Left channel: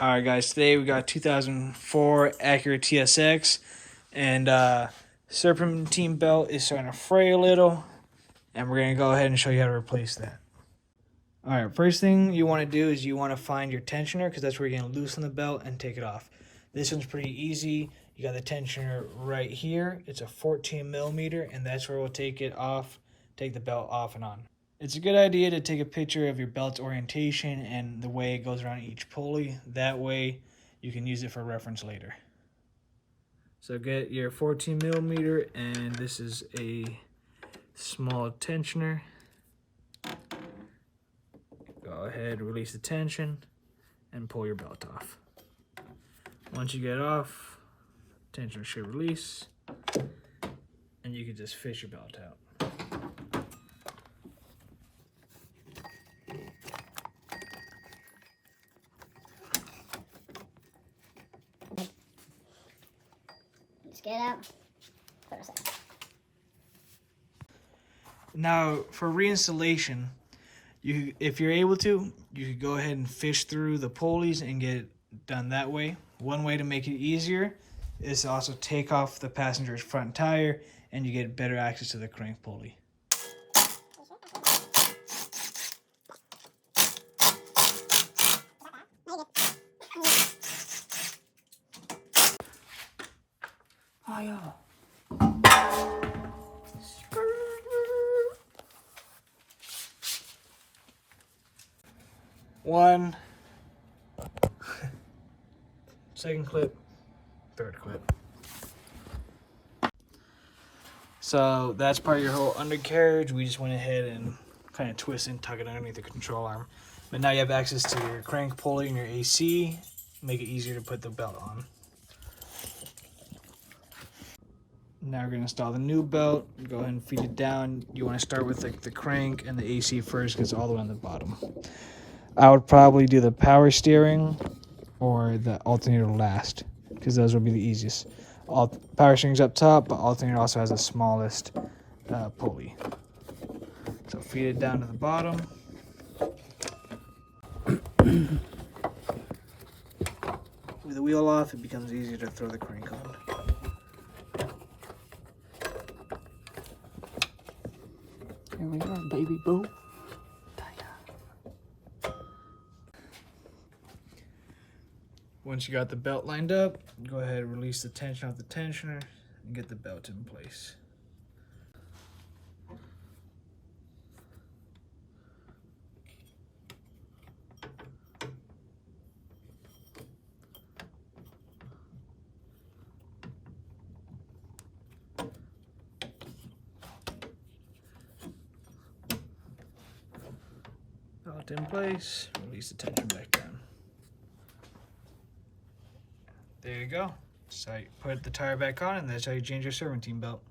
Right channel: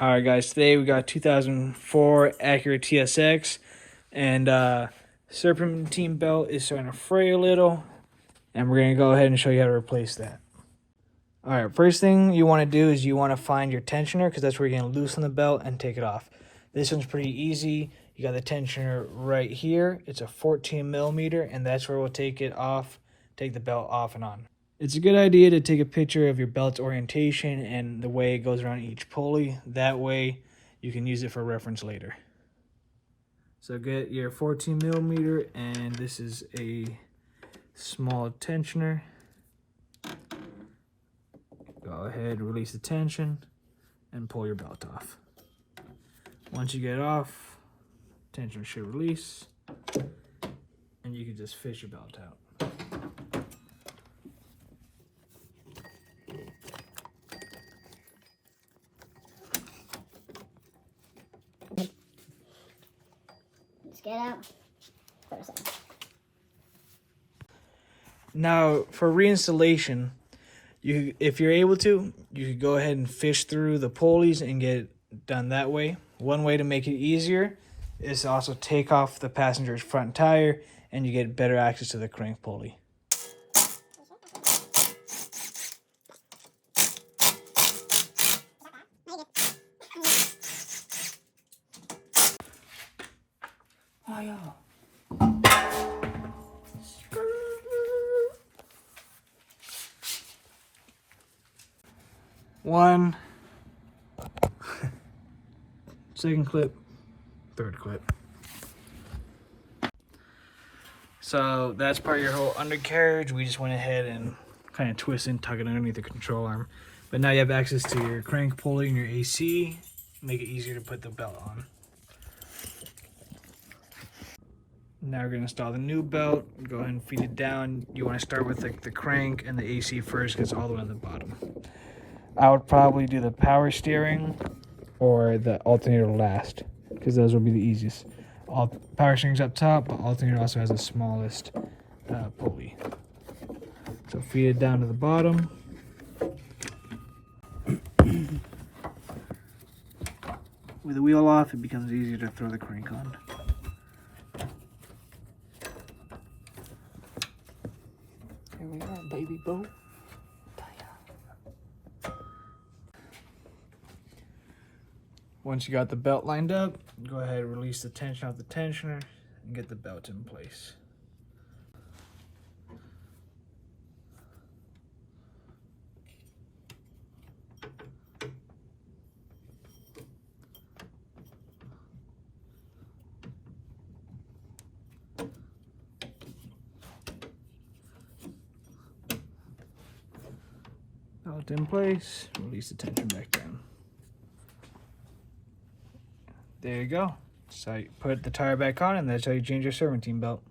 All right, guys, today we got 2004 Acura TSX, and Serpentine belt is starting to fray a little, and we're going to go ahead and show you how to replace that. All right, first thing you want to do is you want to find your tensioner, because that's where you're going to loosen the belt and take it off. This one's pretty easy. You got the tensioner right here. It's a 14 millimeter, and that's where we'll take it off, take the belt off and on. It's a good idea to take a picture of your belt's orientation and the way it goes around each pulley. That way you can use it for reference later. So get your 14 millimeter, and this is a small tensioner. Go ahead, release the tension, and pull your belt off. Once you get off, tensioner should release, and you can just fish your belt out. Let's get out. Put us out. Now, for reinstallation, if you're able to, you could go ahead and fish through the pulleys and get it done that way. One way to make it easier is to also take off the passenger's front tire, and you get better access to the crank pulley. Oh, yeah. One, second clip, third clip. So that's part of your whole undercarriage. We just went ahead and kind of twist and tug it underneath the control arm. But now you have access to your crank pulley and your AC. Make it easier to put the belt on. Now we're going to install the new belt. Go ahead and feed it down. You want to start with like the crank and the AC first, because it's all the way on the bottom. I would probably do the power steering or the alternator last, because those would be the easiest. Power steering's up top, but alternator also has the smallest pulley. So feed it down to the bottom. With the wheel off, it becomes easier to throw the crank on. Here we are, baby boo. Once you got the belt lined up, go ahead and release the tension off the tensioner and get the belt in place. Belt in place, release the tension back down. There you go. So you put the tire back on, and that's how you change your serpentine belt.